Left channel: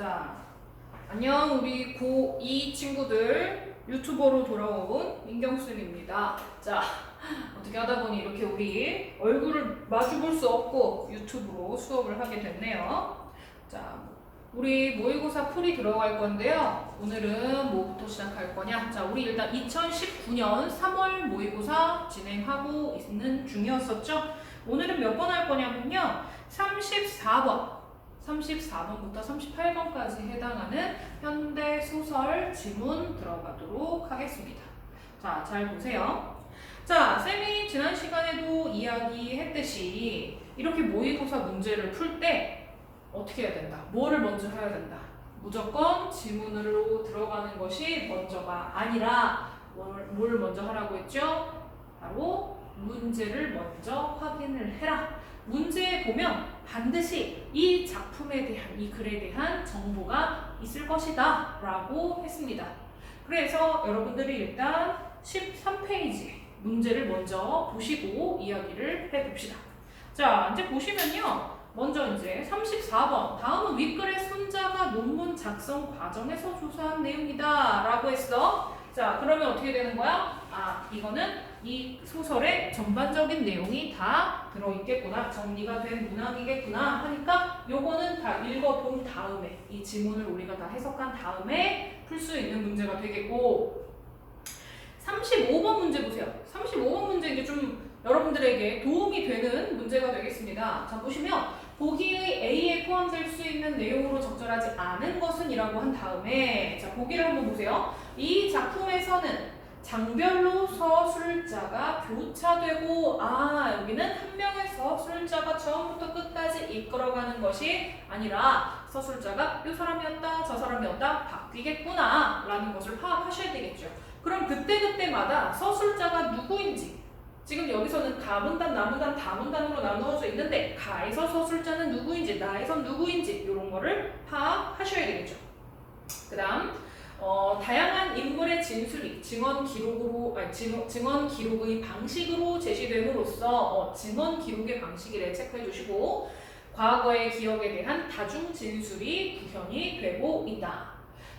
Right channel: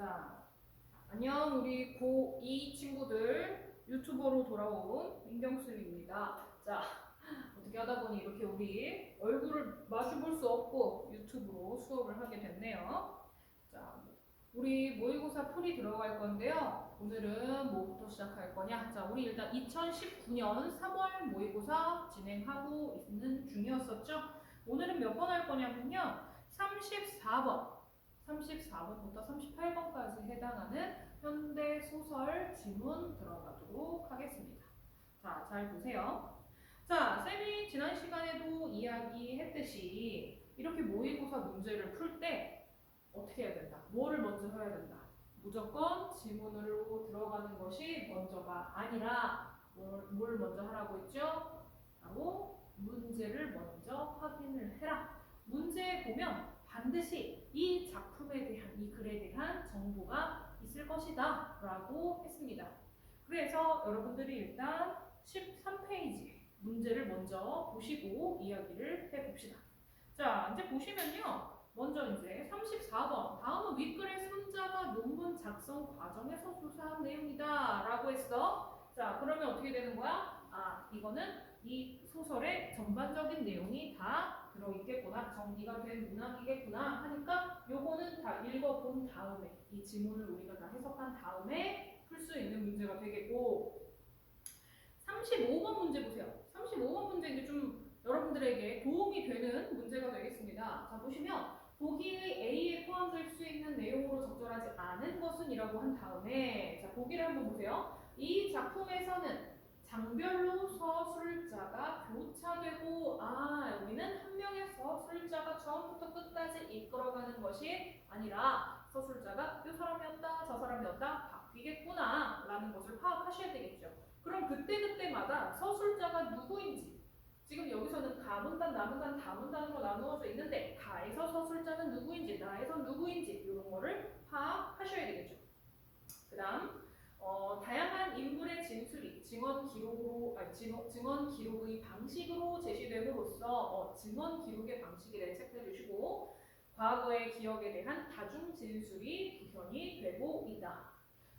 자, 안녕 우리 고2 친구들 유튜버로 돌아온 민경쌤입니다. 자, 어떻게 하다 보니 이렇게 우리 얼굴을 마주볼 수 없고 유튜브로 수업을 하게 됐네요. 자, 우리 모의고사 풀이 들어갈 건데요. 오늘은 뭐부터 시작할 거냐? 자, 우리 일단 2019년 3월 모의고사 진행하고 있는 중이었었죠? 오늘은 몇 번 할 거냐면요. 34번부터 38번까지 해당하는 현대 소설 지문 들어가도록 하겠습니다. 자, 잘 보세요. 자, 쌤이 지난 시간에도 이야기했듯이 이렇게 모의고사 문제를 풀 때 어떻게 해야 된다? 뭐를 먼저 해야 된다? 무조건 지문으로 들어가는 것이 먼저가 아니라 뭘 먼저 하라고 했죠? 바로 문제를 먼저 확인을 해라. 문제에 보면 반드시 이 작품에 대한, 이 글에 대한 정보가 있을 것이다 라고 했습니다. 그래서 여러분들이 일단 13페이지 문제를 먼저 보시고 이야기를 해봅시다. 자, 이제 보시면요. 먼저 이제 34번 다음은 윗글의 손자가 논문 작성 과정에서 조사한 내용이다 라고 했어. 자, 그러면 어떻게 되는 거야? 이거는 이 소설의 전반적인 내용이 다 들어있겠구나, 정리가 된 문항이겠구나 하니까 요거는 다 읽어본 다음에 이 지문을 우리가 다 해석한 다음에 풀 수 있는 문제가 되겠고, 35번 문제 보세요. 35번 문제 이제 좀 여러분들에게 도움이 되는 문제가 되겠습니다. 자, 보시면 보기의 A에 포함될 수 있는 내용으로 적절하지 않은 것은 이라고 한 다음에, 자, 보기를 한번 보세요. 이 작품에서는 장별로 서술자가 교차되고, 여기는 한 명의 서술자가 처음부터 끝까지 이끌어가는 것이 아니라 서술자가 이 사람이었다 저 사람이었다 바뀌겠구나 라는 것을 파악하셔야 되겠죠. 그럼 그때그때마다 서술자가 누구인지, 지금 여기서는 가문단, 나문단, 다문단으로 나누어져 있는데 가에서 서술자는 누구인지, 나에선 누구인지 이런 거를 파악하셔야 되겠죠. 그 다음 다양한 인물의 진술이 증언 기록의 방식으로 제시됨으로써 증언 기록의 방식이래 체크해 주시고, 과거의 기억에 대한 다중 진술이 구현이 되고 있다.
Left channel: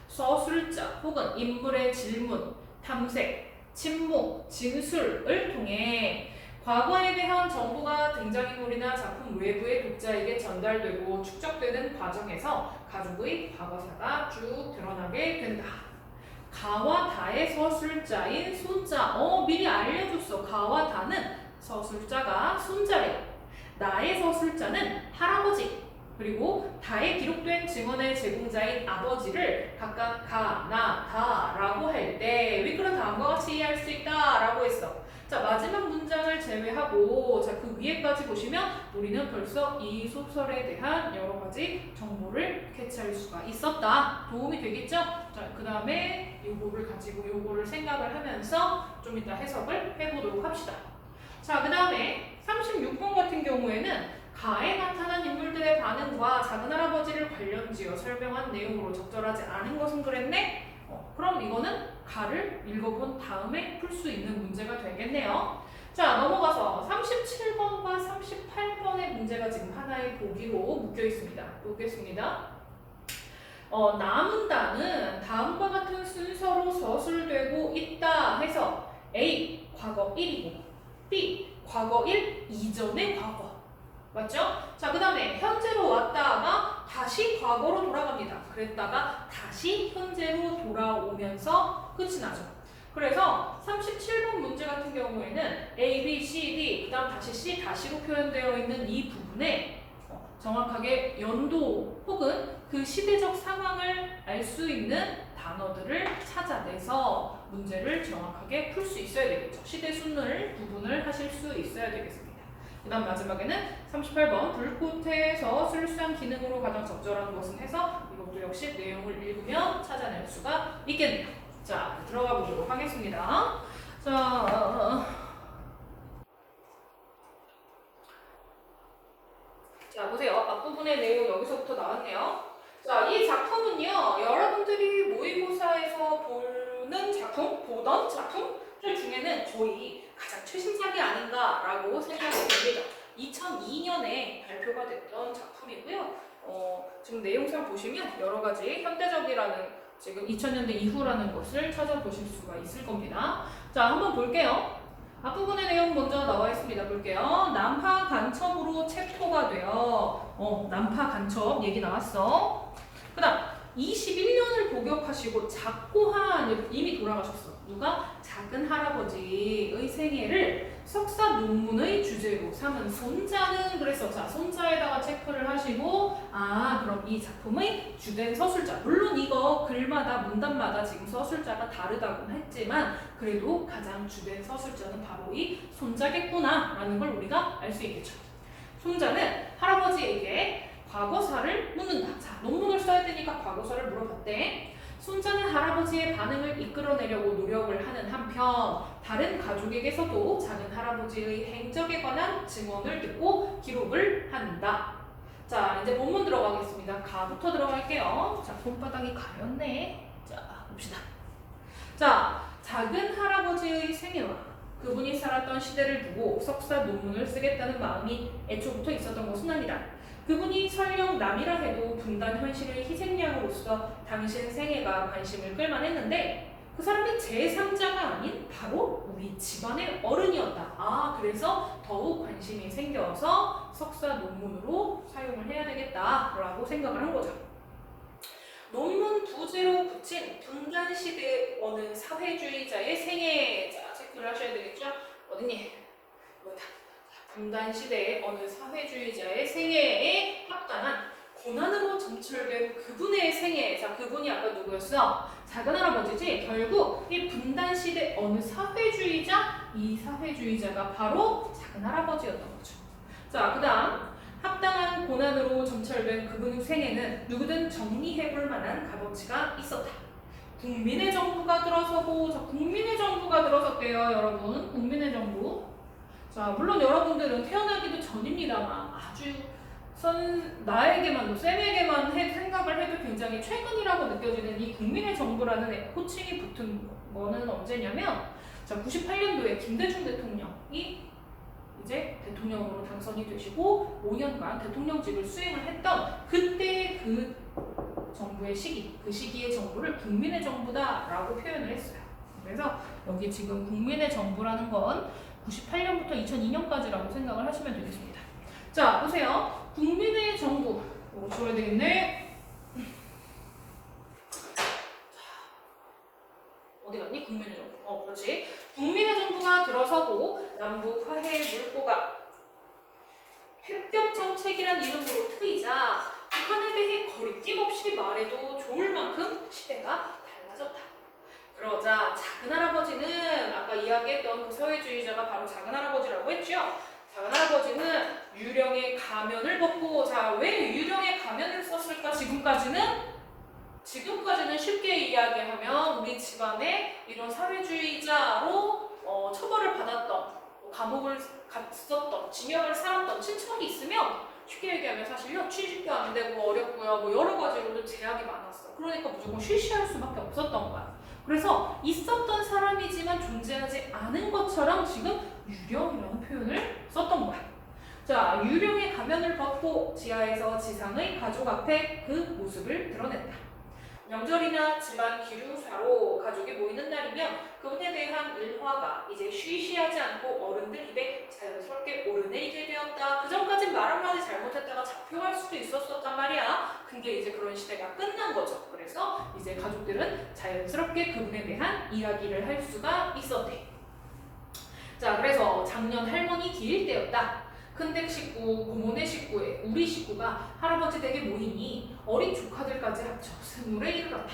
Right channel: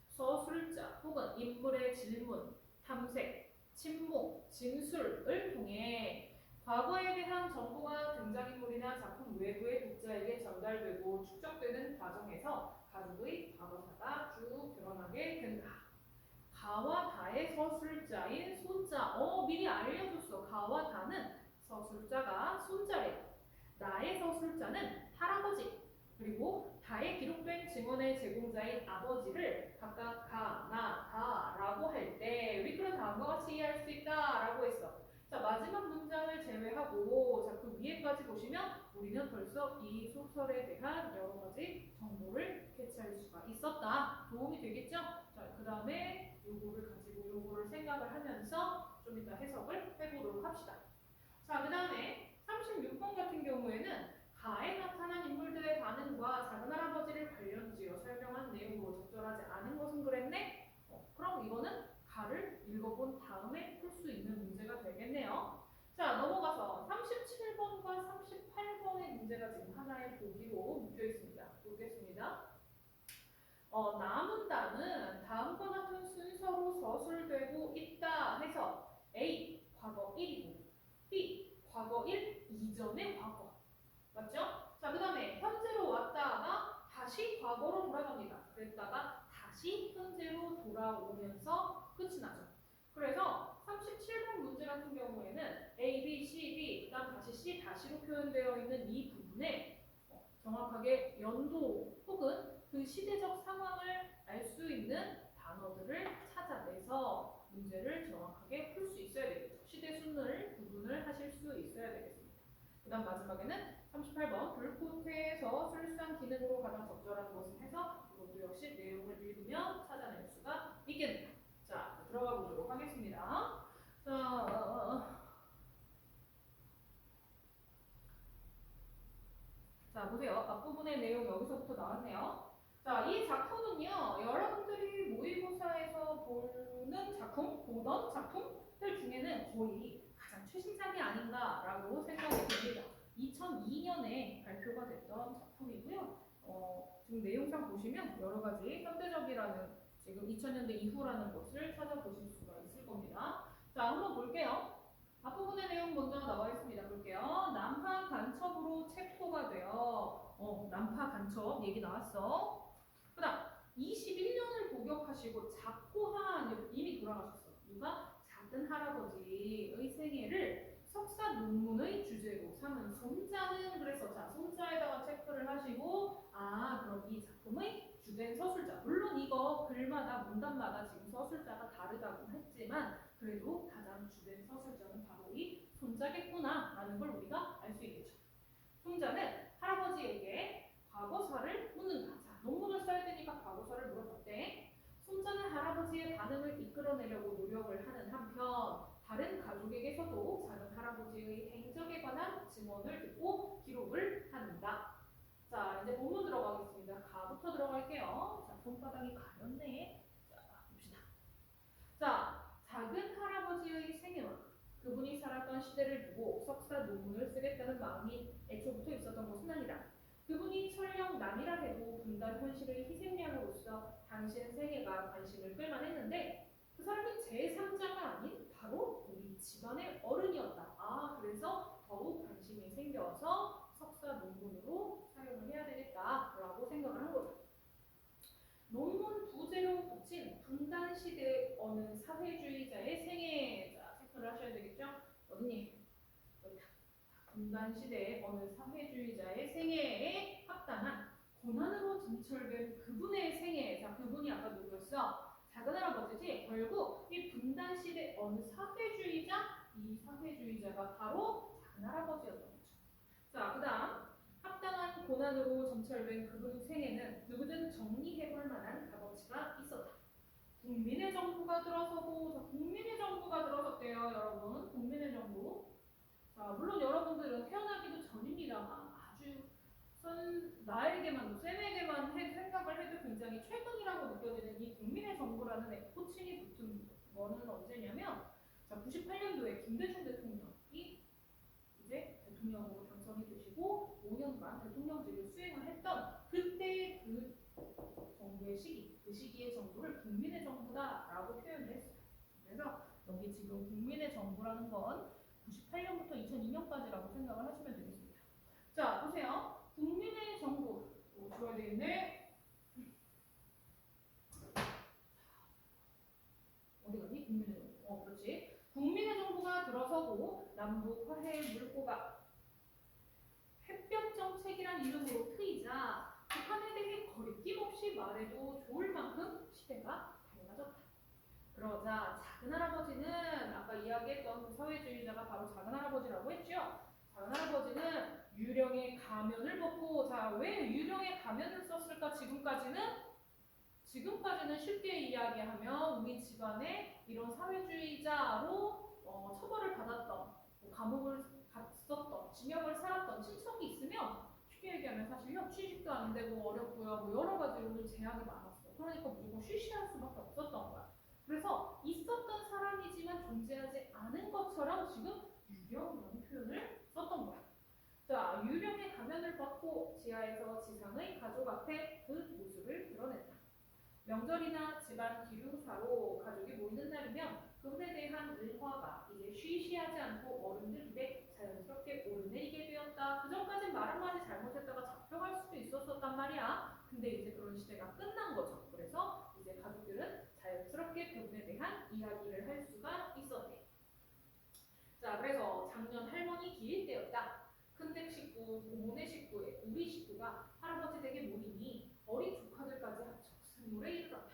서술자 혹은 인물의 질문, 탐색, 침묵, 진술을 통해 과거에 대한 정보가 등장인물이나 작품 외부의 독자에게 전달되고 축적되는 과정에서 가족의 과거사가 쭉 드러나게 된다. 가와 다의 서술자인 손자, 미리 알려줬어. 가와 다는 서술자가 손자래. 나의 서술자는 할아버지, 그리고 다에 기록된 증언의 제공자인 아버지를 각각 가, 나, 다라고 할 때 윗글은 다음과 같이 이해할 수 있다라고 했어. 자, 마지막 문장을 제외하고 자, 그 위에까지 보시면 우리는 벌써 이 소설에 대한 여러 가지 정보를 캐치할 수가 있었다. 도움이 되겠죠? 자, 그 다음에 요거를 가지고 요거를 생각을 하면서 좀 이따 해석을 해보도록 합시다. 자, 그 다음에 36번 같은 경우에는 가에 나타난 인물들의 반응과 작은할아버지를 관련지어 설명한 내용으로 적절하지 않은 것은 그랬네? 그럼 이거는 가를 읽어본 다음에 풀 수 있는 문제가 되겠네요. 자, 넘어가서 37번과 38번의 문제가 지금 하나의 보기로 묶여 있습니다. 보겠습니다. 나문단은 다음과 같은 순서로 서술되고 있다 해서 A. 과거 1이고 B. 과거 1 이전의 과거. 맞죠? 자, 그 다음에 현재로 왔다가 다시 과거로 돌아갑니다. 그랬다가 다시 현재로 돌아오면서 끝이 나죠. 그래서 37번 문제 같은 경우에는 A, B, C, D, 그 다음 다시 C, 다시로 표현되어 있는 이 부분에 정확하게 연도 혹은 그 시대적 상황을 알 수 있는 단어들을 찾아내서 문제를 정확하게 풀 수 있어야 되겠죠. 시대 순을 구분을 하실 수 있어야 되겠습니다. 그 다음 마지막에는 38번 불꽃에서 술수한 기능으로 가장 적절한 것은 해서 이것도 역시 내용을 읽으면 찾아낼 수가 있겠네요. 자, 들어가 보도록 하겠습니다. 자, 보세요. 앞부분의 내용 여기서부터 나왔네요. 자, 이 작품은요, 여러분들이 모의고사에서 보던 작품들 중에는 거의 가장 최신작이 아닌가라고 생각이 됩니다. 2002년에 발표가 됐던 작품이고요. 지금 내용상 보시면 여러 가지 현대적이라는 지금 2000년대 이후라는 것을 찾아보실 수가 있을 겁니다. 자, 한번 볼게요. 앞부분의 내용 먼저 나와 있습니다. 볼게요. 난파 간첩으로 체포가 되어 난파 간첩 얘기 나왔어. 그 다음 21년을 복역하시고 작고한 이미 돌아가셨어. 누가? 작은 할아버지의 생애를 석사 논문의 주제로 삼은 손자는 그래서 자 손자에다가 체크를 하시고 그럼 이 작품의 주된 서술자 물론 이거 글마다 문단마다 지금 서술자가 다르다고 했지만 그래도 가장 주된 서술자는 바로 이 손자겠구나 라는 걸 우리가 알 수 있겠죠. 손자는 할아버지에게 과거사를 묻는다. 자, 논문을 써야 되니까 과거사를 물어봤대. 손자는 할아버지의 반응을 이끌어내려고 노력을 하는 한편 다른 가족에게서도 작은 할아버지의 행적에 관한 증언을 듣고 기록을 한다. 자, 이제 본문 들어가겠습니다. 가부터 들어갈게요. 자, 손바닥이 가렸네. 자, 봅시다. 자, 작은 할아버지의 생애와 그분이 살았던 시대를 두고 석사 논문을 쓰겠다는 마음이 애초부터 있었던 것은 아니라 그분이 설령 남이라 해도 분단 현실의 희생양으로서 당신 생애가 관심을 끌만했는데 그 사람이 제3자가 아닌 바로 우리 집안의 어른이었다. 그래서 더욱 관심이 생겨서 석사 논문으로 사용을 해야 되겠다라고 생각을 한 거죠. 논문 부제로 붙인 분단 시대 어느 사회주의자의 생애. 자, 체크를 하셔야 되겠죠? 어딨니? 여기다. 분단 시대의 어느 사회주의자의 생애에 합당한 고난으로 점철된 그분의 생애. 자, 그분이 아까 누구였어? 작은 할아버지지. 결국 이 분단 시대 어느 사회주의자, 이 사회주의자가 바로 작은 할아버지였던 거죠. 자, 그다음 합당한 고난으로 점철된 그분의 생애는 누구든 정리해볼 만한 값어치가 있었다. 국민의 정부가 들어서고, 자, 국민의 정부가 들어섰대요, 여러분. 국민의 정부. 자, 물론 여러분들은 태어나기도 전입니다만 아주 나에게만, 쌤에게만 생각을 해도 굉장히 최근이라고 느껴지는 이 국민의 정부라는 호칭이 붙은 거는 언제냐면 자, 98년도에 김대중 대통령이 이제 대통령으로 당선이 되시고 5년간 대통령직을 수행을 했던 그때 그 정부의 시기, 그 시기의 정부를 국민의 정부다라고 표현을 했어요. 그래서 여기 지금 국민의 정부라는 건 98년부터 2002년까지라고 생각을 하시면 되겠습니다. 자, 보세요. 국민의 정부. 이거 지워야 되겠네. 어디 갔니? 국민의 정부. 그렇지. 국민의 정부가 들어서고 남북 화해 물꼬가 햇볕 정책이란 이름으로 트이자 북한에 대해 거리낌 없이 말해도 좋을 만큼 시대가 달라졌다. 그러자 작은 할아버지는 아까 이야기했던 그 사회주의자가 바로 작은 할아버지라고 했죠. 작은 할아버지는 유령의 가면을 벗고 자, 왜 유령의 가면을 썼을까? 지금까지는 쉽게 이야기하면 우리 집안에 이런 사회주의자로 처벌을 받았던 감옥을 갔었던 징역을 살았던 친척이 있으면 쉽게 얘기하면 사실요 취직도 안 되고 어렵고요 뭐 여러 가지로 제약이 많았어. 그러니까 무조건 쉬쉬할 수밖에 없었던 거야. 그래서 있었던 사람이지만 존재하지 않은 것처럼 지금 유령이라는 표현을 썼던 거야. 자, 유령의 가면을 벗고 지하에서 지상의 가족 앞에 그 모습을 드러냈다. 명절이나 집안 기류사로 가족이 모이는 날이면 그분에 대한 일화가 이제 쉬쉬하지 않고 어른들 입에 자연스럽게 오르내리게 되었다. 그전까진 말 한마디 잘못했다가 잡혀갈 수도 있었단 말이야. 근데 이제 그런 시대가 끝난 거죠. 그래서 이제 가족들은 자연스럽게 그분에 대한 이야기를 할 수가 있었대. 자, 그래서 작년 할머니 기일 때였다. 큰댁 식구, 고모네 식구에 우리 식구가 할아버지 댁에 모이니 어린 조카들까지 합쳐 스물에 이르렀다.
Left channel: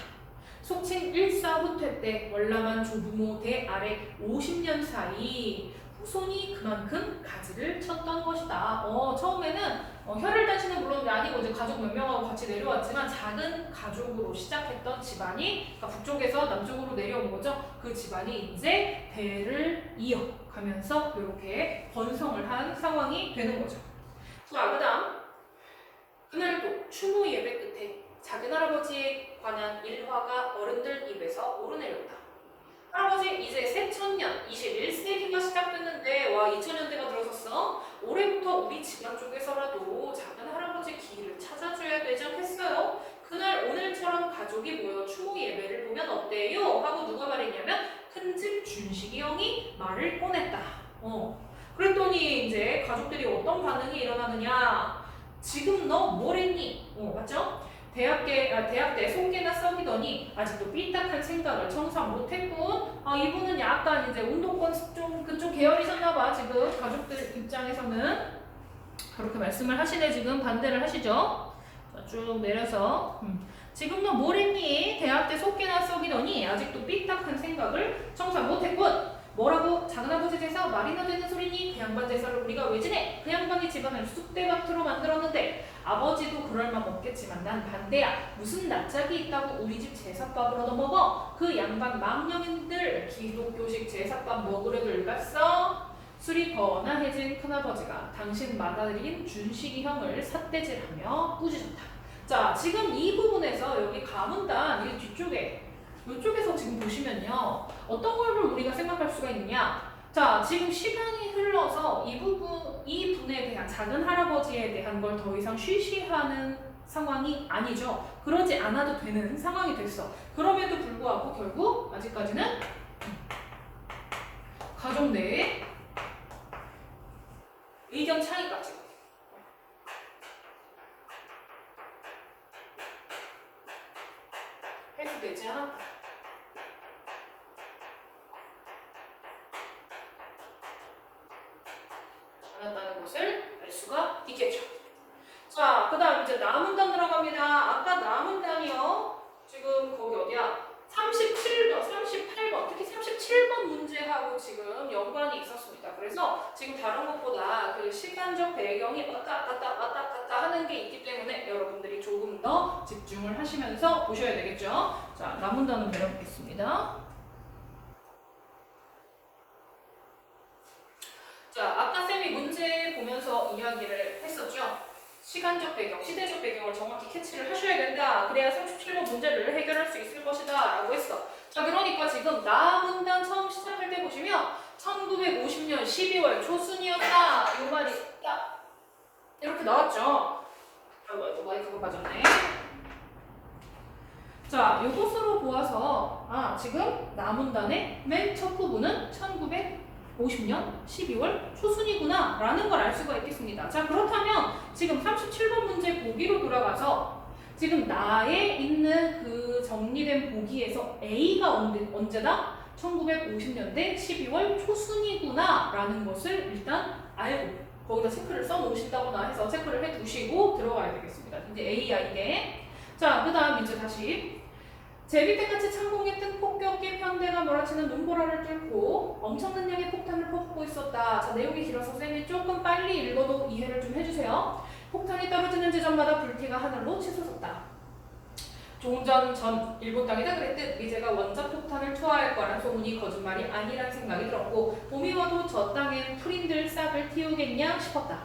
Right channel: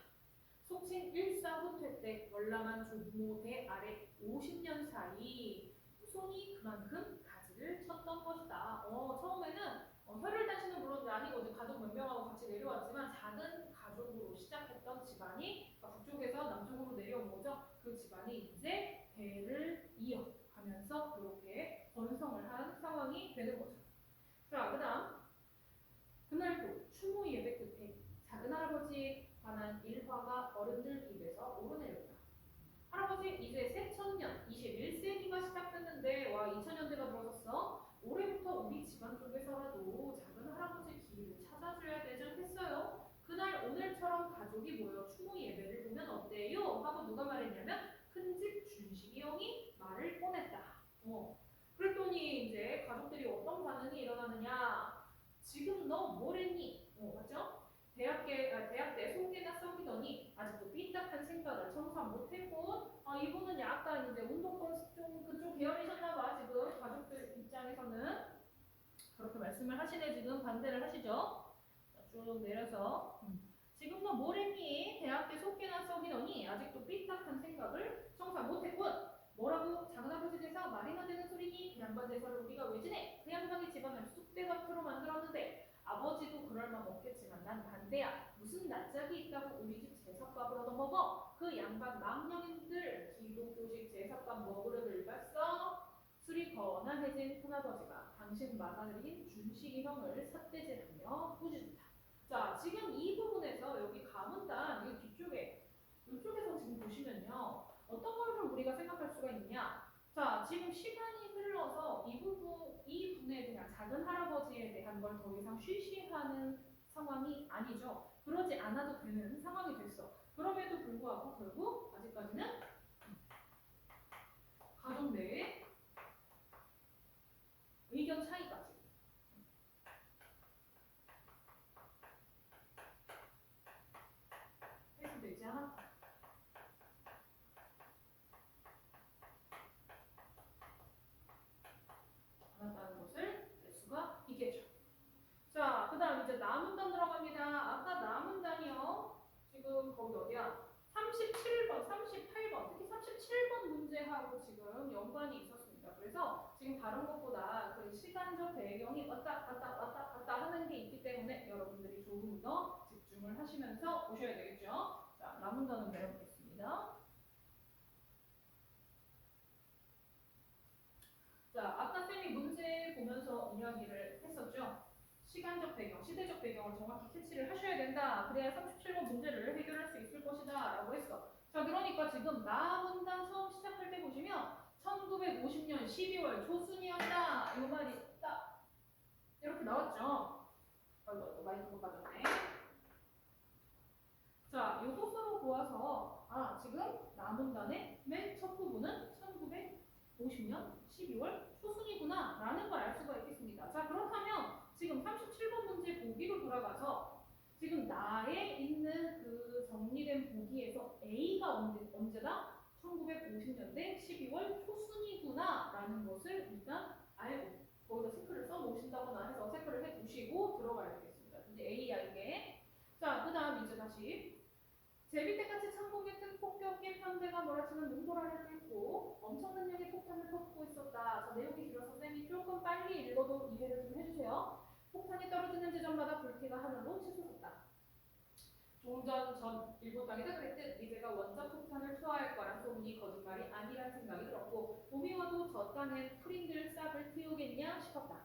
속칭 일사후퇴 때 월남한 조부모 대 아래 50년 사이 후손이 그만큼 가지를 쳤던 것이다. 처음에는 혈을 단신은 물론 아니고 이제 가족 몇 명하고 같이 내려왔지만 작은 가족으로 시작했던 집안이 그러니까 북쪽에서 남쪽으로 내려온 거죠. 그 집안이 이제 대를 이어가면서 이렇게 번성을 한 상황이 되는 거죠. 자, 그다음 그날도 추모 예배 끝에 작은 할아버지에 관한 일화가 어른들 입에서 오르내렸다. 할아버지 이제 새천년 21세기가 시작됐는데 와 2000년대가 들어섰어. 올해부터 우리 집안 쪽에서라도 작은 할아버지 길을 찾아줘야 되지 않겠어요? 그날 오늘처럼 가족이 모여 추모 예배를 보면 어때요? 하고 누가 말했냐면 큰집 준식이 형이 말을 꺼냈다. 그랬더니 이제 가족들이 어떤 반응이 일어나느냐? 지금 너 뭐랬니? 맞죠? 대학 때 속개나 썩이더니 아직도 삐딱한 생각을 청산 못했군. 이분은 약간 이제 운동권 좀 그쪽 계열이셨나봐. 지금 가족들 입장에서는 그렇게 말씀을 하시네. 지금 반대를 하시죠. 자, 쭉 내려서 지금 너 뭐랬니? 대학 때 속개나 썩이더니 아직도 삐딱한 생각을 청산 못했군. 뭐라고? 작은아버지 제사 말이나 되는 소리니? 그 양반 제사를 우리가 왜 지내? 그 양반이 집안을 쑥대밭으로 만들었는데 아버지도 그럴 맘 없겠지만 난 반대야. 무슨 낯짝이 있다고 우리 집 제사밥을 얻어먹어? 그 양반 망령인들 기독교식 제사밥 먹으려 들갔어? 술이 거나해진 큰아버지가 당신 맏아들인 준식이 형을 삿대질하며 꾸짖었다. 자, 지금 이 부분에서 여기 가문단 이 뒤쪽에 이쪽에서 지금 보시면요. 어떤 걸 우리가 생각할 수가 있느냐? 자, 지금 시간이 흘러서 이 분에 대한 작은 할아버지에 대한 걸 더 이상 쉬쉬하는 상황이 아니죠. 그러지 않아도 되는 상황이 됐어. 그럼에도 불구하고 결국 아직까지는 가족 내에 의견 차이까지 해소되지 않았다. 않았다는 것을 알 수가 있겠죠. 자, 그 다음 이제 남은단 들어갑니다. 아까 남은단이요. 지금 거기 어디야? 37번, 38번, 특히 37번 문제하고 지금 연관이 있었습니다. 그래서 지금 다른 것보다 그 시간적 배경이 왔다 갔다 하는 게 있기 때문에 여러분들이 조금 더 집중을 하시면서 보셔야 되겠죠. 자, 남은단은 내려보겠습니다. 자, 아까 쌤이 문제 보면서 이야기를 했었죠. 시간적 배경, 시대적 배경을 정확히 캐치를 하셔야 된다. 그래야 37번 문제를 해결할 수 있을 것이다 라고 했어. 자, 그러니까 지금 남은단 처음 시작할 때 보시면 1950년 12월 초순이었다. 이 말이 딱 이렇게 나왔죠. 아이고 마이크가 빠졌네. 자, 이것으로 보아서 지금 남은단의 맨 첫 부분은 1950년 12월 초순이구나 라는 걸 알 수가 있겠습니다. 자, 그렇다면 지금 37번 문제 보기로 돌아가서 지금 나에 있는 그 정리된 보기에서 A가 언제다? 1950년대 12월 초순이구나 라는 것을 일단 알고 거기다 체크를 써놓으신다거나 해서 체크를 해두시고 들어가야 되겠습니다. 이제 A야 이게. 자, 그 다음 이제 다시 제비때같이 창공에 뜬 폭격기 편대가 몰아치는 눈보라를 뚫고 엄청난 양의 폭탄을 퍼붓고 있었다. 자, 내용이 길어서 쌤이 조금 빨리 읽어도 이해를 좀 해주세요. 폭탄이 떨어지는 지점마다 불티가 하늘로 치솟았다. 종전 전 일본 땅이다 그랬듯 미제가 원자폭탄을 투하할 거란 소문이 거짓말이 아니란 생각이 들었고 봄이 와도 저 땅엔 풀인들 싹을 틔우겠냐 싶었다.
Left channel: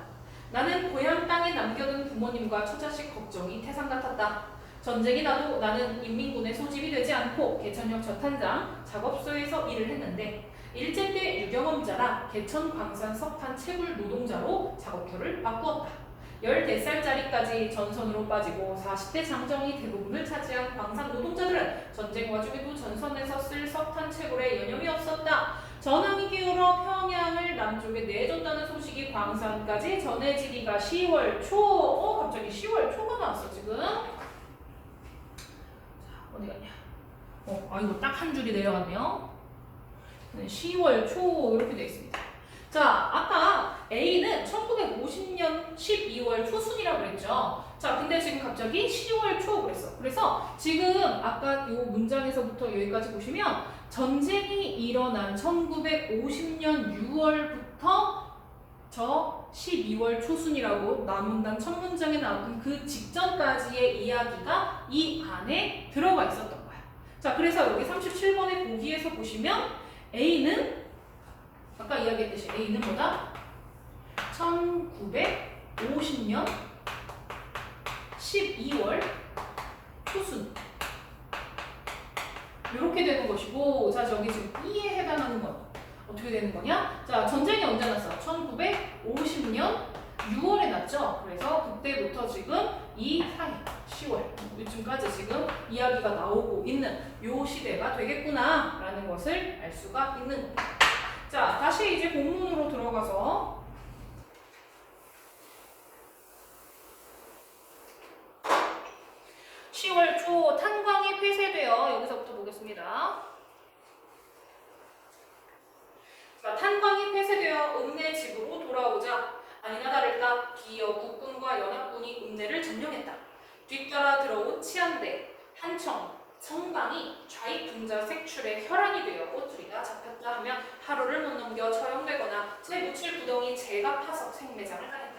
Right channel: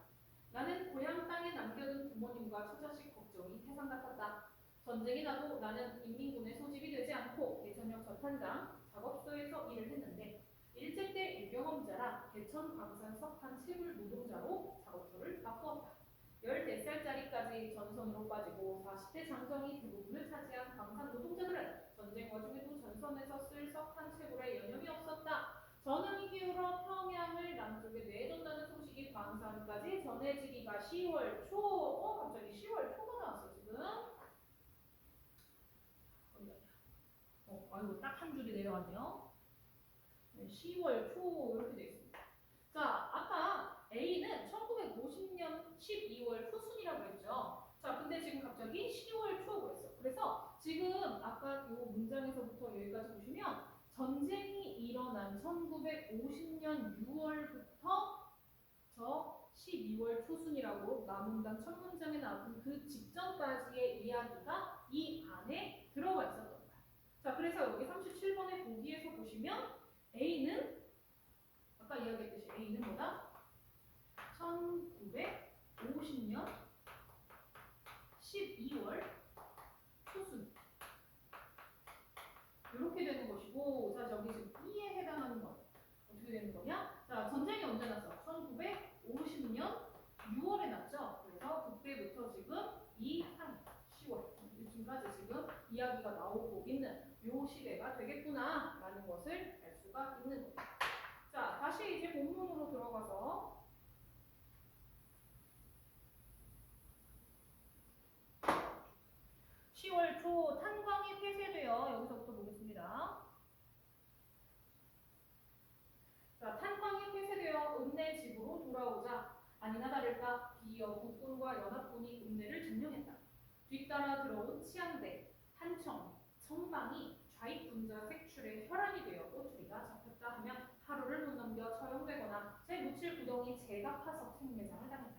나는 고향 땅에 남겨둔 부모님과 처자식 걱정이 태산 같았다. 전쟁이 나도 나는 인민군의 소집이 되지 않고 개천역 저탄장 작업소에서 일을 했는데 일제 때 유경험자라 개천 광산 석탄 채굴 노동자로 작업터를 바꾸었다. 14살짜리까지 전선으로 빠지고 40대 장정이 대부분을 차지한 광산 노동자들은 전쟁 와중에도 전선에서 쓸 석탄 채굴에 여념이 없었다. 전황이 기울어 평양을 남쪽에 내줬다는 소식이 광산까지 전해지기가 10월 초. 갑자기 10월 초가 나왔어 지금. 어디 갔냐? 이거 딱 한 줄이 내려갔네요. 10월 초 이렇게 되어 있습니다. 자, 아까 A는 1950년 12월 초순이라고 그랬죠. 자, 근데 지금 갑자기 10월 초 그랬어. 그래서 지금 아까 이 문장에서부터 여기까지 보시면 전쟁이 일어난 1950년 6월부터 저 12월 초순이라고 남문단 첫 문장에 나왔던 그 직전까지의 이야기가 이 안에 들어가 있었던 거야. 자, 그래서 여기 37번의 보기에서 보시면 A는 아까 이야기했듯이 A는 뭐다? 1950년 12월 초순 이렇게 되는 것이고, 자 저기 지금 B에 해당하는 건 어떻게 되는 거냐? 자 전쟁이 언제 났어? 1950년 6월에 났죠. 그래서 그때부터 지금 이 사이 10월 요즘까지 지금 이야기가 나오고 있는 요 시대가 되겠구나라는 것을 알 수가 있는 겁니다. 자 다시 이제 본문으로 들어가서 10월 초 탄광이 폐쇄되어 여기서부터 보겠습니다. 자, 탄광이 폐쇄되어 읍내 집으로 돌아오자 아니나 다를까 기어 국군과 연합군이 읍내를 점령했다. 뒤따라 들어온 치안대, 한청, 성강이 좌익분자 색출에 혈안이 되어 꼬투리가 잡혔다 하면 하루를 못 넘겨 처형되거나 재무칠 구덩이 재가 파석 생매장을 당했다.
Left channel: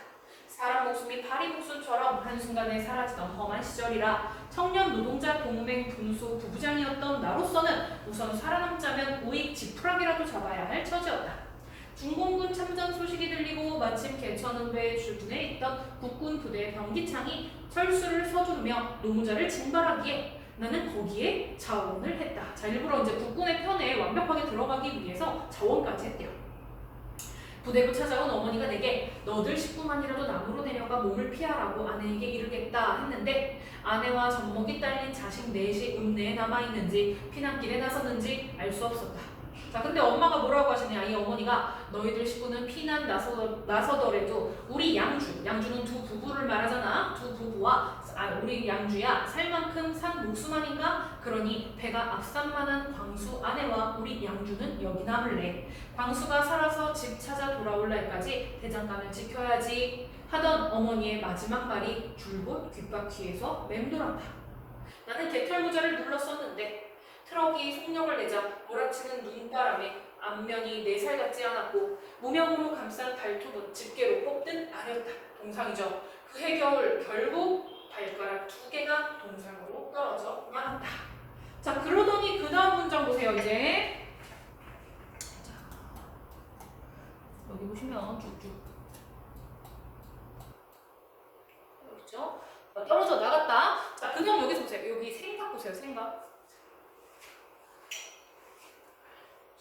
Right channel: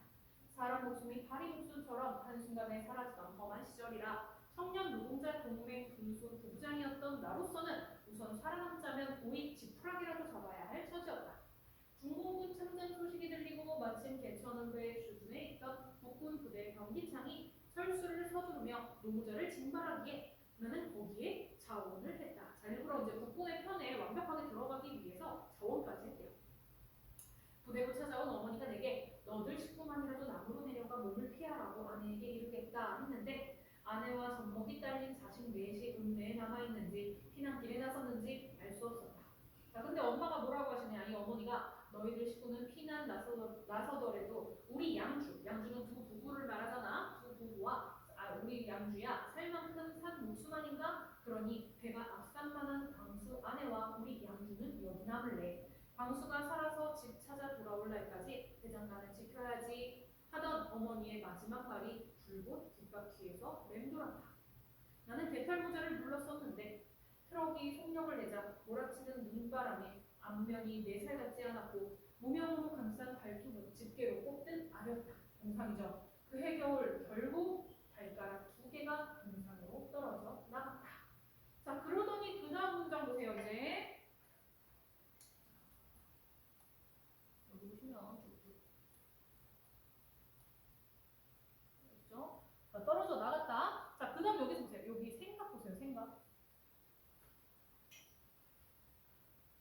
사람 목숨이 파리 목숨처럼 한순간에 사라지던 험한 시절이라 청년 노동자 동맹 분수 부부장이었던 나로서는 우선 살아남자면 우익 지푸라기라도 잡아야 할 처지였다. 중공군 참전 소식이 들리고 마침 개천읍에 주둔해 있던 국군 부대 병기창이 철수를 서두르며 노무자를 징발하기에 나는 거기에 자원을 했다. 자, 일부러 이제 국군의 편에 완벽하게 들어가기 위해서 자원까지 했대요. 부대로 찾아온 어머니가 내게 너들 식구만이라도 남으로 내려가 몸을 피하라고 아내에게 이르겠다 했는데 아내와 젖먹이 딸린 자식 넷이 읍내에 남아있는지 피난길에 나섰는지 알 수 없었다. 자 근데 엄마가 뭐라고 하시냐. 이 어머니가 너희들 식구는 피난 나서더라도 우리 양주는 두 부부를 말하잖아. 두 부부와 우리 양주야 살 만큼 산 목숨 아닌가? 그러니 배가 앞산만한 광수 아내와 우리 양주는 여기 남을래. 광수가 살아서 집 찾아 돌아올 날까지 대장간을 지켜야지 하던 어머니의 마지막 말이 줄곧 귓바퀴에서 맴돌았다. 나는 개털모자를 눌렀었는데 트럭이 속력을 내자 몰아치는 눈바람에 앞면이 내 살 같지 않았고 무명으로 감싼 발톱은 집게로 뽑듯 아렸다. 동상이죠. 그해 겨울 결국 발가락 2개가 동상으로 떨어져 말았다. 자 그러더니 그 다음 문장 보세요. 이제 여기 보시면 쭉쭉 그렇죠? 떨어져 나갔다. 자 그냥 여기서 보세요. 여기 생각 보세요. 생각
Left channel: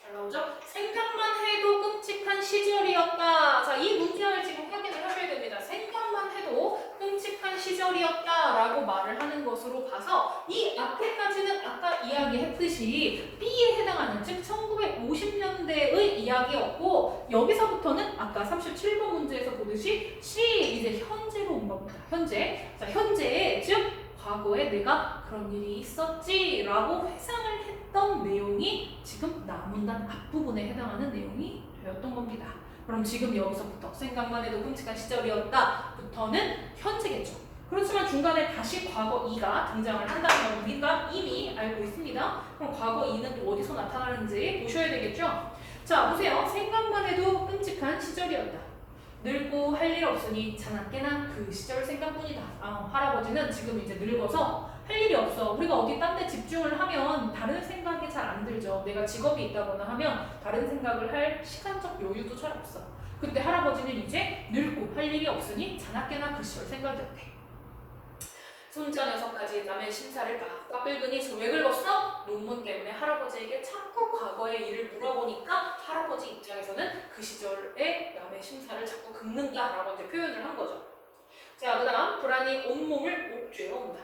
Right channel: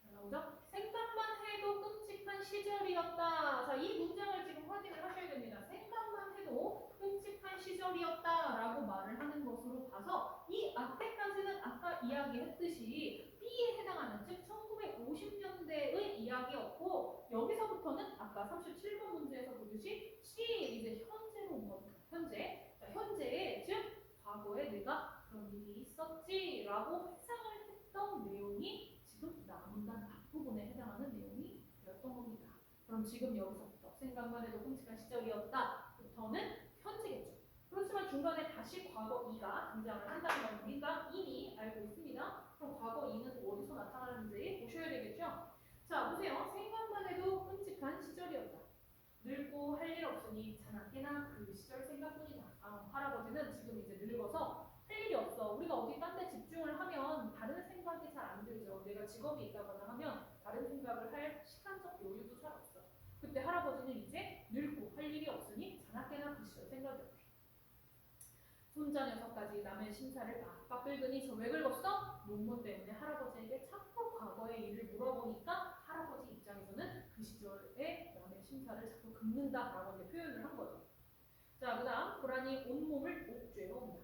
잘 나오죠? 생각만 해도 끔찍한 시절이었다. 자 이 문장을 지금 확인을 하셔야 됩니다. 생각만 해도 끔찍한 시절이었다라고 말을 하는 것으로 봐서 이 앞에까지는 아까 이야기했듯이 B에 해당하는 즉 1950년대의 이야기였고 여기서부터는 아까 37번 문제에서 보듯이 C 이제 현재로 온 겁니다. 현재. 자 현재에 즉 과거에 내가 그런 일이 있었지라고 회상을 했던 내용이 지금 나문단 앞부분에 해당하는 내용이 되었던 겁니다. 그럼 지금 여기서부터 생각만 해도 끔찍한 시절이었다 부터는 현재겠죠. 그렇지만 중간에 다시 과거 2가 등장을 한다는 걸 우리가 이미 알고 있습니다. 그럼 과거 2는 또 어디서 나타나는지 보셔야 되겠죠. 자 보세요. 생각만 해도 끔찍한 시절이었다. 늙고 할 일 없으니 자나깨나 그 시절 생각뿐이다. 할아버지는 지금 이제 늙어서 할 일이 없어. 우리가 어디 딴 데 집중을 하면 다른 생각이 잘 안 들죠. 내가 직업이 있다거나 하면 다른 생각을 할 시간적 여유도 잘 없어. 그때 할아버지는 이제 늙고 할 일이 없으니 자나깨나 그 시절 생각이었대. 손자 녀석까지 남의 심사를 빡빡 긁으니 왜 긁었어? 논문 때문에 할아버지에게 자꾸 과거의 일을 물어보니까 할아버지 입장에서는 그 시절에 남의 심사를 자꾸 긁는다라고 이제 표현을 한 거죠. 자, 그 다음 불안이 온몸을 옥죄어온다.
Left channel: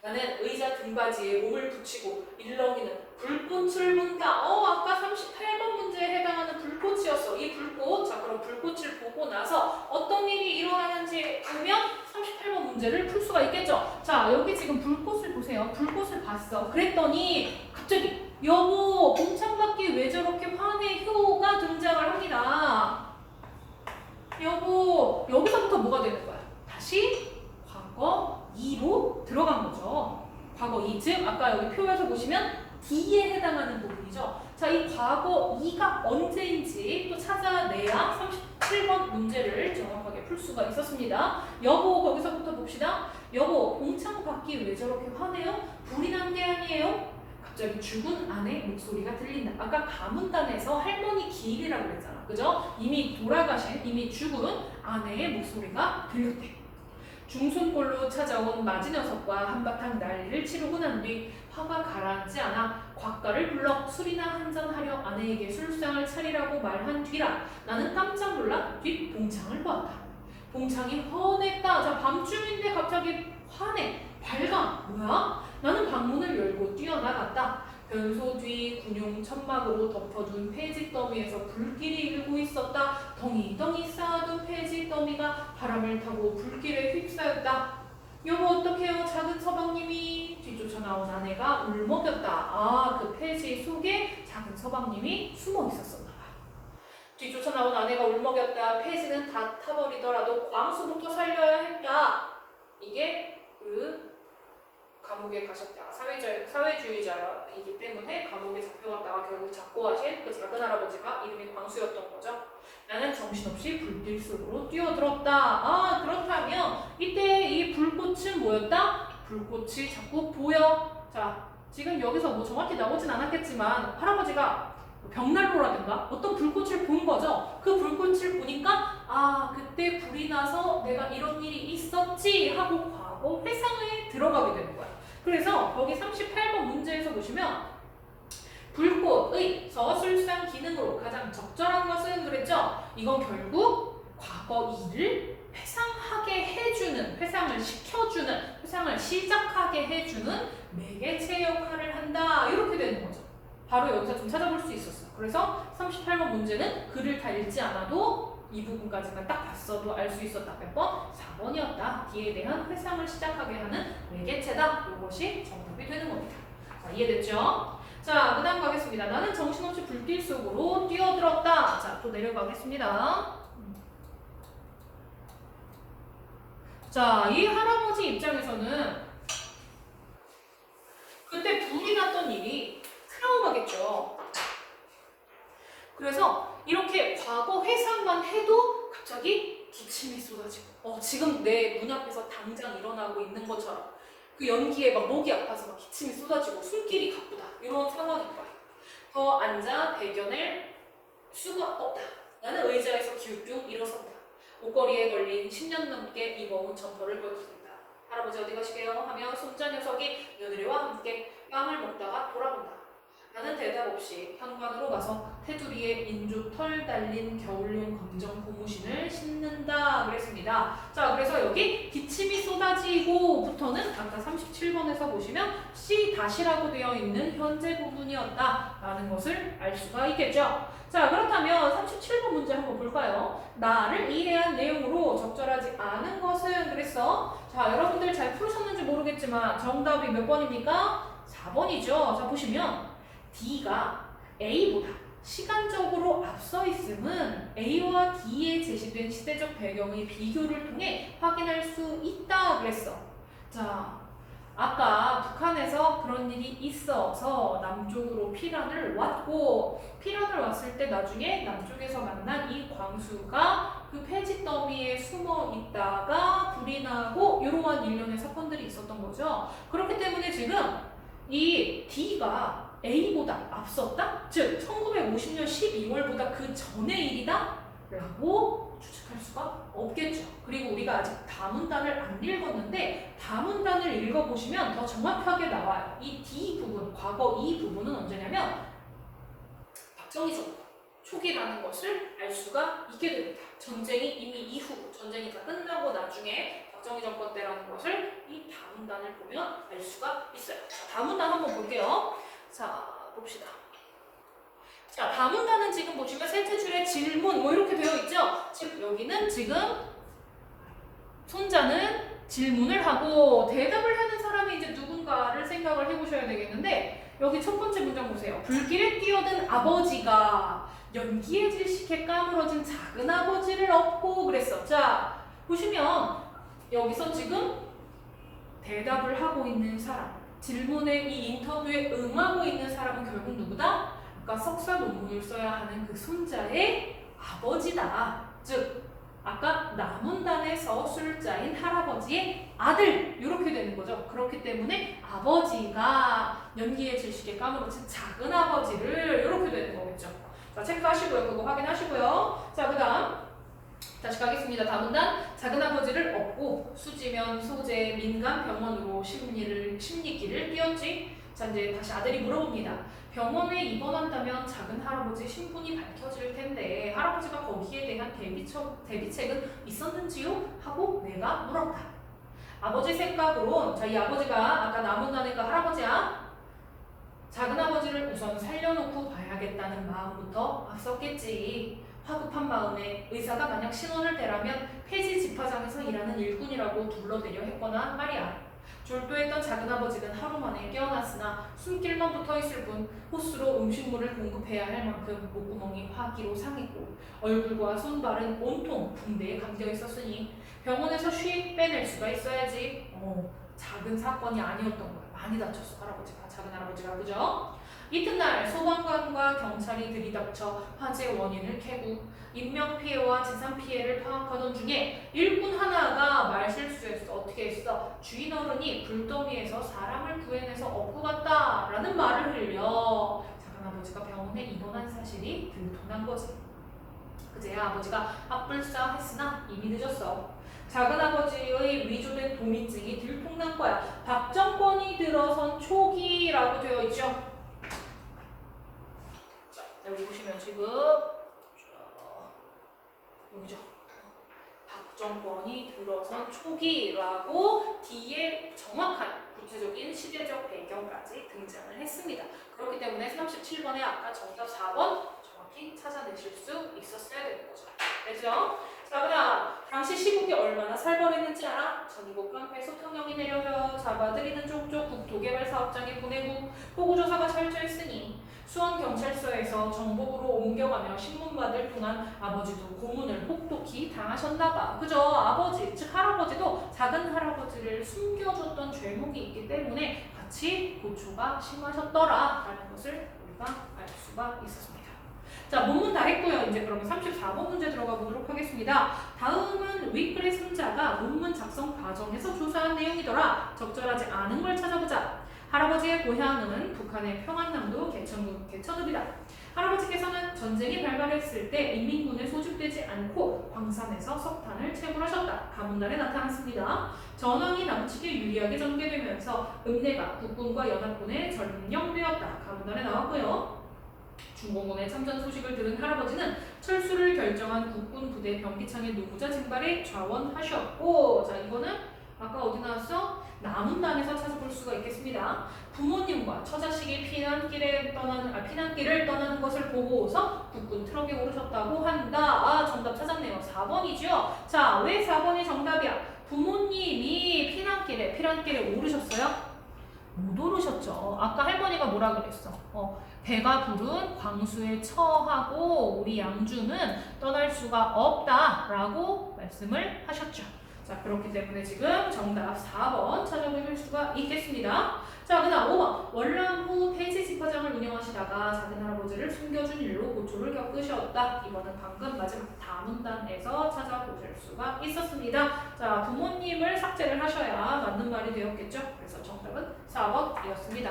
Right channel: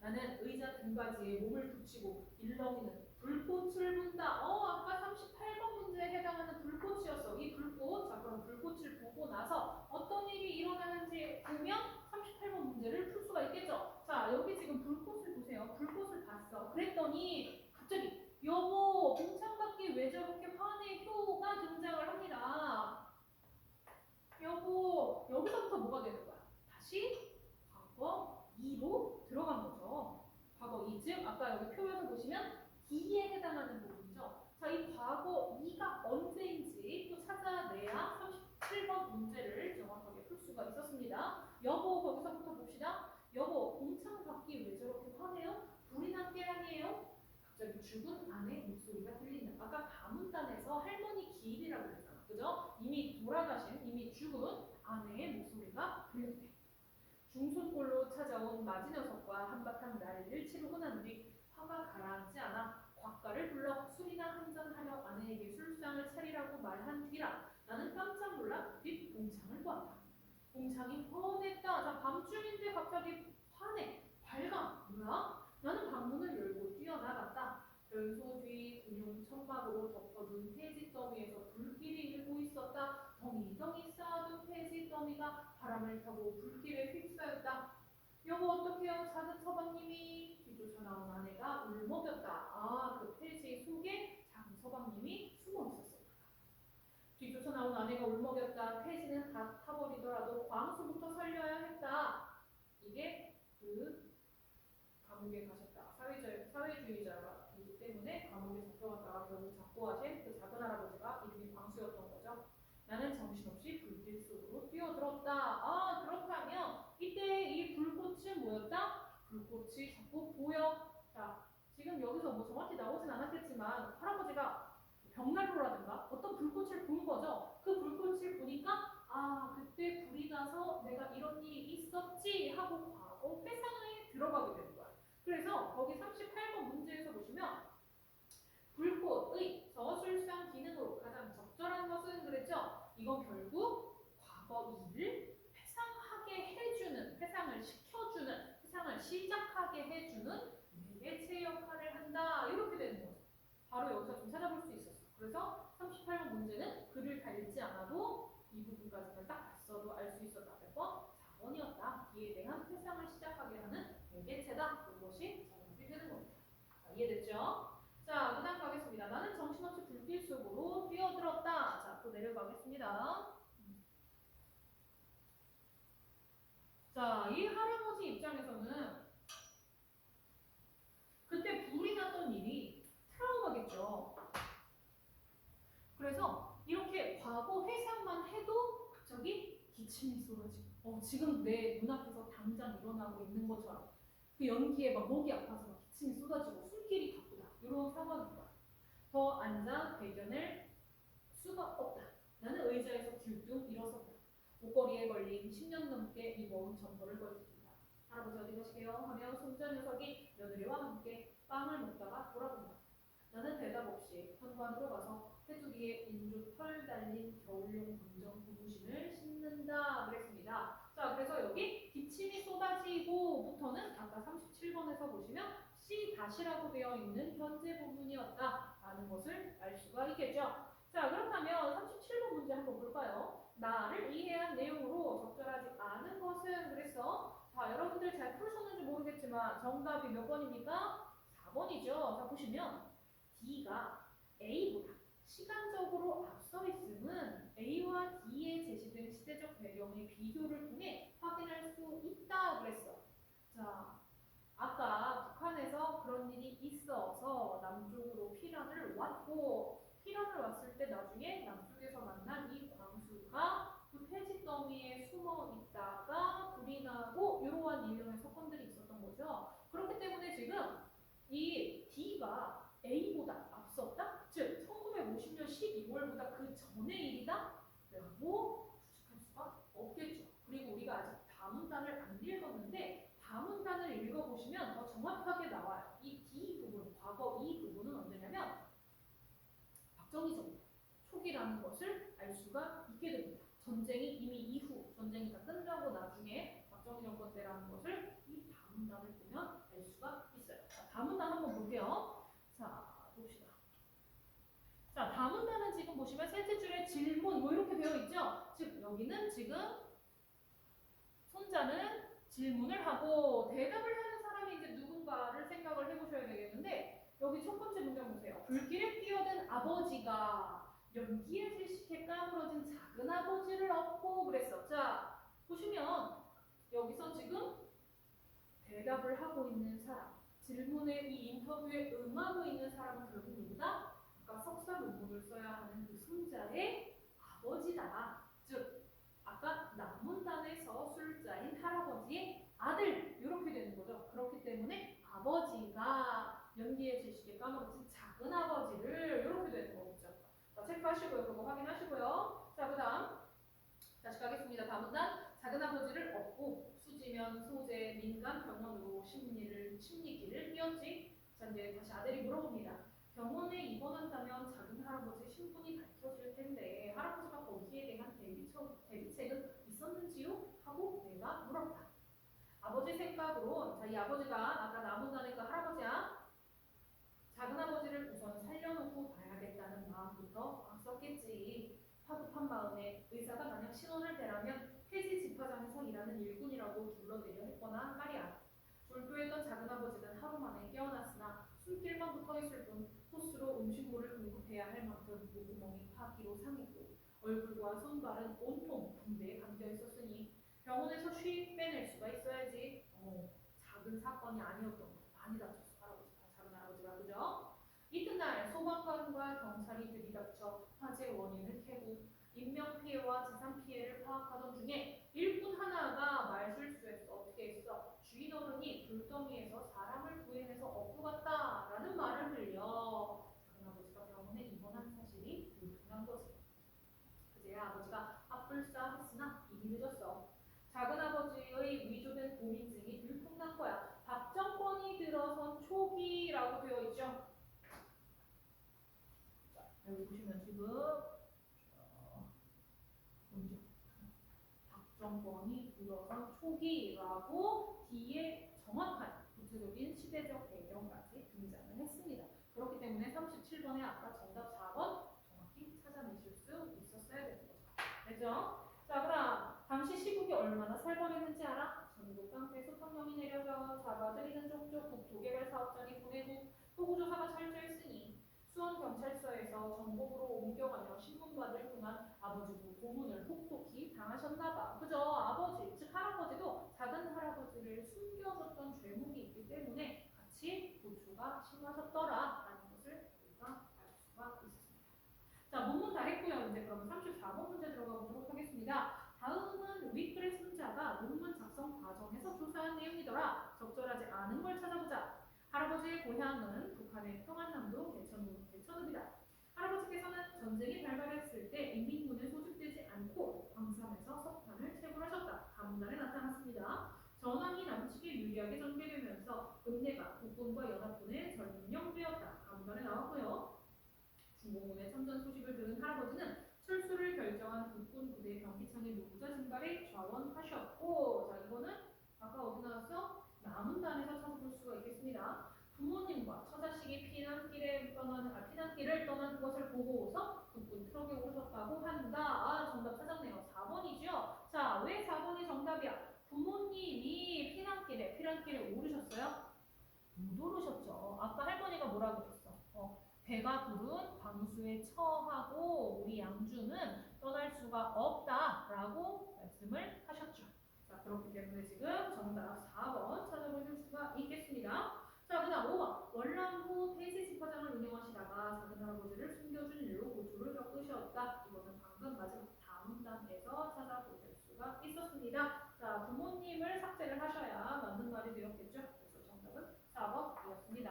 나는 의자 등받이에 몸을 붙이고 일렁이는 불꽃을 본다. 아까 38번 문제에 해당하는 불꽃이었어. 이 불꽃. 자, 그럼 불꽃을 보고 나서 어떤 일이 일어나는지 보면 38번 문제를 풀 수가 있겠죠. 자, 여기 지금 불꽃을 보세요. 불꽃을 봤어. 그랬더니 갑자기 여보, 봉창받기 왜 저렇게 화내? 효가 등장을 합니다. 여보, 여기서부터 뭐가 되는 거야? 다시 과거 2로 들어간 거죠. 과거 2, 즉 아까 여기 표에서 보시면 D에 해당하는 부분이죠. 자, 이 과거 2가 언제인지 또 찾아내야 37번 문제를 정확하게 풀 수가 있었습니다. 여보, 거기서부터 봅시다. 여보, 봉창받기 왜 저렇게 화내요? 불이 난 게 아니에요? 갑자기 죽은 아내 목소리가 들린다. 아까 가문단에서 할머니 기일이라고 그랬잖아. 그죠? 이미 돌아가신, 이미 죽은 아내의 목소리가 들렸대. 중순골로 찾아온 마지 녀석과 한바탕 난리를 치르고 난 뒤 화가 가라앉지 않아 곽가를 불러 술이나 한잔하려 아내에게 술상을 차리라고 말한 뒤라 나는 깜짝 놀라 뒷 봉창을 보았다. 봉창이 헌했다. 자, 밤중인데 갑자기 환해. 밝아. 뭐야? 나는 방문을 열고 뛰어나갔다. 변소 뒤 군용 천막으로 덮어둔 폐지 더미에서 불길이 일고 있었다. 덩이덩이 쌓아둔 폐지 더미가 바람을 타고 불길에 휩싸였다. 여보 어떡해요? 작은 서방님이. 뒤쫓아 나온 아내가 울먹였다. 아, 그 폐지 속에 작은 서방님이 숨어 있었었나 봐. 뒤쫓아 나온 아내가 울먹였다. 폐지는 다 타버리더라도 광수부터 살려야 했다. 이게 그 감옥에 가셨다가 사회주의자이기 때문에 감옥에 잡혀갔다가 결국 작고하신 그 작은 할아버지가 이름이 광수였던 거죠. 나는 정신없이 불길 속으로 뛰어들었다. 아, 그렇다면 이때 이 불꽃은 뭐였다? 불꽃이 자꾸 보여. 자, 지금 여기서 뭐 정확히 나오진 않았겠지만 할아버지가 벽난로라든가 어떤 불꽃을 본 거죠. 그 불꽃을 보니까 아, 그때 불이 나서 내가 이런 일이 있었지 하고 과거 회상에 들어가게 되는 거야. 그래서 거기 38번 문제에서 보시면 불꽃의 저술상 기능으로 가장 적절한 것은 그랬죠? 이건 결국 과거 일을 회상하게 해주는, 회상을 시켜주는, 회상을 시작하게 해주는 매개체 역할을 한다. 이렇게 되는 거죠. 바로 여기서 좀 찾아볼 수 있었어요. 그래서 38번 문제는 글을 다 읽지 않아도 이 부분까지만 딱 봤어도 알 수 있었다. 몇 번? 4번이었다. 뒤에 대한 회상을 시작하게 하는 매개체다. 이것이 정답이 되는 겁니다. 자, 이해됐죠? 자, 그 다음 가겠습니다. 나는 정신없이 불길 속으로 뛰어들었다. 자, 또 내려가겠습니다. 자, 이 할아버지 입장에서는 그때 불이 났던 일이 트라우마겠죠. 그래서 이렇게 과거 회상만 해도 갑자기 기침이 쏟아지고 지금 내 문 앞에서 당장 일어나고 있는 것처럼 그 연기에 막 목이 아파서 막 기침이 쏟아지고 숨길이 가쁘다. 이런 상황일 거야. 더 앉아 대견할 수가 없다. 나는 의자에서 기울쭉 일어섰다. 옷걸이에 걸린 10년 넘게 입어온 점퍼를 벗었다. 할아버지 어디 가시게요? 하며 손자 녀석이 며느리와 함께 빵을 먹다가 돌아본다. 나는 대답 없이 현관으로 가서 테두리에 인조털 달린 겨울용 검정 고무신을 신는다 그랬습니다. 자, 그래서 여기 기침이 쏟아지고부터는 아까 37번에서 보시면 C-라고 되어 있는 현재 부분이었다 라는 것을 알 수가 있겠죠. 자, 그렇다면 37번 문제 한번 볼까요? 나를 이해한 내용으로 적절하지 않은 것은 그랬어. 자, 여러분들 잘 풀으셨는지 모르겠지만 정답이 몇 번입니까? 4번이죠. 자, 보시면 D가 A보다 시간적으로 앞서 있음은 A와 D에 제시된 시대적 배경의 비교를 통해 확인할 수 있다 그랬어. 자, 아까 북한에서 그런 일이 있어서 남쪽으로 피란을 왔고 피란을 왔을 때 나중에 남쪽에서 만난 이 광수가 그 폐지 더미에 숨어 있다가 불이 나고 이러한 일련의 사건들이 있었던 거죠. 그렇기 때문에 지금 이 D가 A보다 앞섰다? 즉 1950년 12월보다 그 전의 일이다? 라고 추측할 수가 없겠죠. 그리고 우리가 아직 다문단을 안 읽었는데 다문단을 읽어보시면 더 정확하게 나와요. 이 D 부분, 과거 이 부분은 언제냐면 박정희 정부 초기라는 것을 알 수가 있게 됩니다. 전쟁이 이미 이후, 전쟁이 다 끝나고 나중에 박정희 정권 때라는 것을 이 다문단을 보면 알 수가 있어요. 자, 다문단 한번 볼게요. 자, 봅시다. 자, 다문단은 지금 보시면 셋째 줄에 질문 뭐 이렇게 되어 있죠? 즉 여기는 지금 손자는 질문을 하고 대답을 하는 사람이 이제 누군가를 생각을 해보셔야 되겠는데 여기 첫 번째 문장 보세요. 불길에 뛰어든 아버지가 연기에 질식해 까무러진 작은 아버지를 업고 그랬어. 자, 보시면 여기서 지금 대답을 하고 있는 사람, 질문에 이 인터뷰에 응하고 있는 사람은 결국 누구다? 아까 석사 논문을 써야 하는 그 손자의 아버지다. 즉 아까 남문단에서 술자인 할아버지의 아들 이렇게 되는 거죠. 그렇기 때문에 아버지가 연기에 질식에 까무러진 작은 아버지를 이렇게 되는 거겠죠. 자, 체크하시고요. 그거 확인하시고요. 자, 그 다음 다시 가겠습니다. 다음 문단. 작은아버지를 업고 수지면 소재 민간 병원으로 심리기를 뛰었지. 자, 이제 다시 아들이 물어봅니다. 병원에 입원한다면 작은 할아버지 신분이 밝혀질 텐데 할아버지가 거기에 대한 대비책은 있었는지요? 하고 내가 물었다. 아버지 생각으론, 자, 이 아버지가 아까 나문단니까 할아버지야. 작은아버지를 우선 살려놓고 봐야겠다는 마음부터 앞섰겠지. 화급한 마음에 의사가 만약 신원을 대라면 폐지 집화장에서 일하는 일꾼이라고 둘러대려 했거나 말이야. 졸도했던 작은아버지는 하루 만에 깨어났으나 숨길만 붙어있을 뿐 호수로 음식물을 공급해야 할 만큼 목구멍이 화기로 상했고 얼굴과 손발은 온통 붕대에 감겨있었으니 병원에서 쉬 빼낼 수가 있어야지. 작은 사건이 아니었던 거야. 많이 다쳤어 할아버지가. 작은 할아버지가. 그죠? 이튿날 소방관과 경찰이 들이닥쳐 화재 원인을 캐고 인명피해와 재산피해를 파악하던 중에 일꾼 하나가 말실수했어. 어떻게 했어? 주인 어른이 불더미에서 사람을 구해내서 업고 갔다 라는 말을 흘려 작은 아버지가 병원에 입원한 사실이 들통난 거지. 그제야 아버지가 앞불싸 했으나 이미 늦었어. 작은 아버지의 위조된 도민증이 들통난 거야. 박정권이 들어선 초기라고 되어 있죠. 자, 여기 보시면 지금 여기죠. 박정권이 들어선 초기라고 뒤에 정확한 구체적인 시대적 배경까지 등장을 했습니다. 그렇기 때문에 37번에 아까 정답 4번 정확히 찾아내실 수 있었어야 되는 거죠. 알죠? 자, 그다음 당시 시국이 얼마나 살벌했는지 알아? 전국 깡패 소통령이 내려져 잡아들이는 족족 국토개발사업장에 보내고 호구조사가 철저했으니 수원경찰서에서 정복으로 옮겨가며 신문받을 동안 아버지도 고문을 혹독히 당하셨나봐. 그죠? 아버지, 즉 할아버지도 작은 할아버지를 숨겨줬던 죄목이 있기 때문에 같이 고초가 심하셨더라라는 것을 우리가 알 수가 있었습니다. 자, 본문 다 했고요. 이제 그러면 34번 문제 들어가 보도록 하겠습니다. 다음은 윗글의 승자가 논문 작성 과정에서 조사한 내용이더라. 적절하지 않은 걸 찾아보자. 할아버지의 고향은 북한의 평안남도 개천읍이다. 할아버지께서는 전쟁이 발발했을 때 인민군에 소집되지 않고 광산에서 석탄을 채굴하셨다. 가문단에 나타났습니다. 전황이 남측에 유리하게 전개되면서 읍내가 국군과 연합군에 점령되었다. 가문단에 나왔고요. 중공군의 참전 소식을 들은 할아버지는 철수를 결정한 국군 부대 병기창의 노무자 징발에 좌원하셨고, 자, 이거는 아까 어디 나왔어? 나문단에서 찾아볼 수가 있겠습니다. 부모님과 처자식이 피난길을 떠나는 것을 보고서 국군 트럭에 오르셨다고 한다. 아, 정답 찾았네요. 4번이죠. 자, 왜 4번이 정답이야? 부모님이 피난길에 오르셨어요? 못 오르셨죠. 아까 할머니가 뭐라 그랬어? 배가 부른 광수에 처하고 우리 양주는 떠날 수가 없다라고 말씀을 하셨죠. 자, 그렇기 때문에 지금 정답 4번 찾아보실 수가 있겠습니다. 자, 그 다음 5번. 월남 후 폐지 집화장을 운영하시다가 작은 할아버지를 숨겨준 일로 고초를 겪으셨다. 이거는 방금 마지막 다문단에서 찾아보실 수가 있었습니다. 자, 부모님을 삭제를 하셔야 맞는 말이 되었겠죠. 그래서 정답은 4번이었습니다.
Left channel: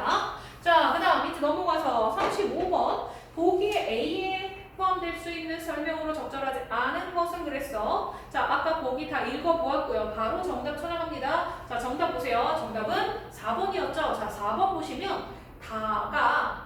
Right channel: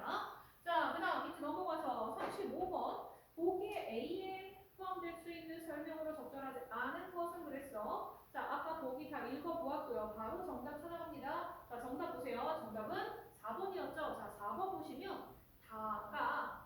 자, 그 다음 밑에 넘어가서 35번. 보기에 A에 포함될 수 있는 설명으로 적절하지 않은 것은 그랬어. 자, 아까 보기 다 읽어보았고요. 바로 정답 찾아갑니다. 자, 정답 보세요. 정답은 4번이었죠. 자, 4번 보시면 아까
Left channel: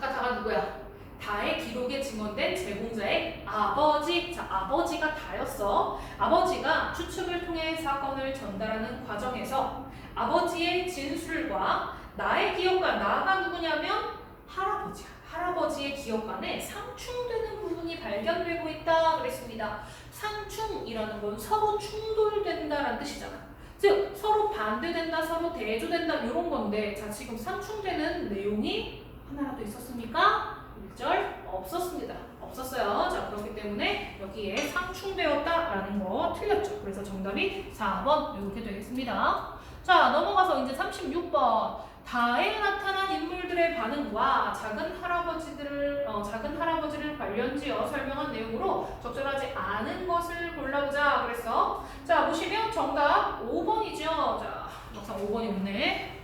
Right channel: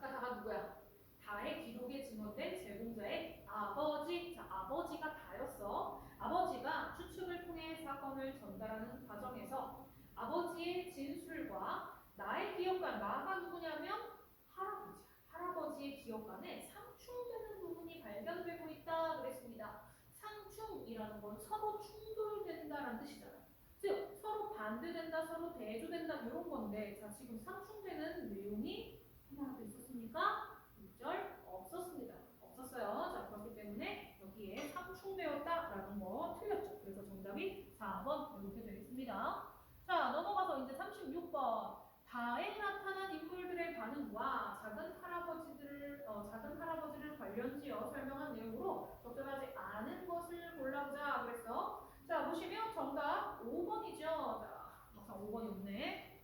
다가 누구야? 다의 기록에 증언된 제공자의 아버지. 자, 아버지가 다였어. 아버지가 추측을 통해 사건을 전달하는 과정에서 아버지의 진술과 나의 기억과 나가 누구냐면 할아버지야. 할아버지의 기억 간에 상충되는 부분이 발견되고 있다 그랬습니다. 상충이라는 건 서로 충돌된다라는 뜻이잖아. 즉 서로 반대된다, 서로 대조된다 이런 건데, 자, 지금 상충되는 내용이 하나라도 있었습니까? 1절 없었습니다. 없었어요. 자, 그렇기 때문에 여기에 상충되었다라는 거 틀렸죠. 그래서 정답이 4번 이렇게 되겠습니다. 자, 넘어가서 이제 36번. 다에 나타난 인물들의 반응과 작은 할아버지를 관련지어 설명한 내용으로 적절하지 않은 것을 골라보자 그랬어. 자, 보시면 정답 5번이죠. 자, 막상 5번이 없네.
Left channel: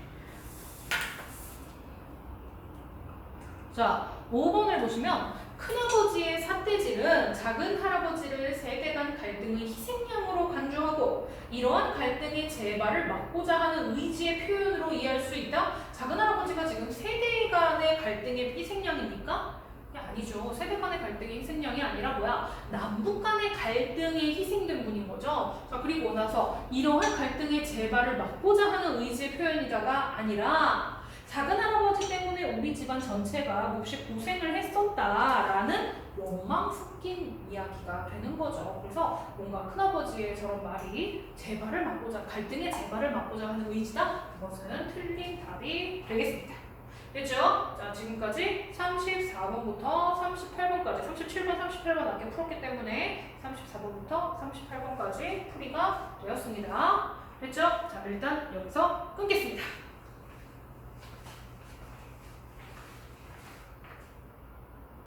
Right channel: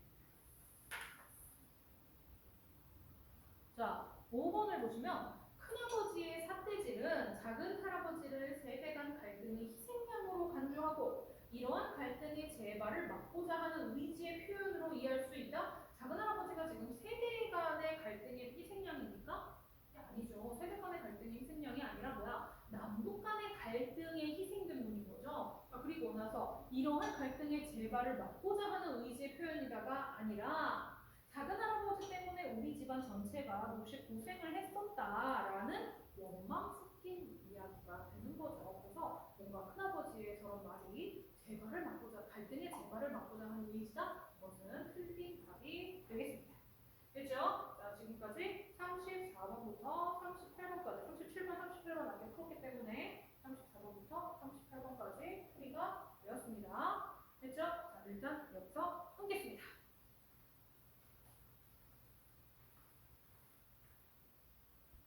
자, 5번을 보시면 큰아버지의 삿대질은 작은 할아버지를 세대 간 갈등의 희생양으로 간주하고 이러한 갈등의 재발을 막고자 하는 의지의 표현으로 이해할 수 있다. 작은 할아버지가 지금 세대 간의 갈등의 희생양입니까? 아니죠. 세대 간의 갈등의 희생양이 아니라 뭐야? 남북 간의 갈등에 희생된 분인 거죠. 자, 그리고 나서 이러한 갈등의 재발을 막고자 하는 의지의 표현이다가 아니라 작은 할아버지 때문에 우리 집안 전체가 몹시 고생을 했었다라는 원망 섞인 이야기가 되는 거죠. 그래서 뭔가 큰아버지의 저런 말이 재발을 막고자, 갈등의 재발을 막고자 하는 의지다. 그것은 틀린 답이 되겠습니다. 됐죠? 자, 지금까지 34번부터 38번까지, 37번, 38번 낮게 풀었기 때문에 34번부터 38번까지 풀이가 되었습니다. 됐죠? 자, 일단 여기서 끊겠습니다.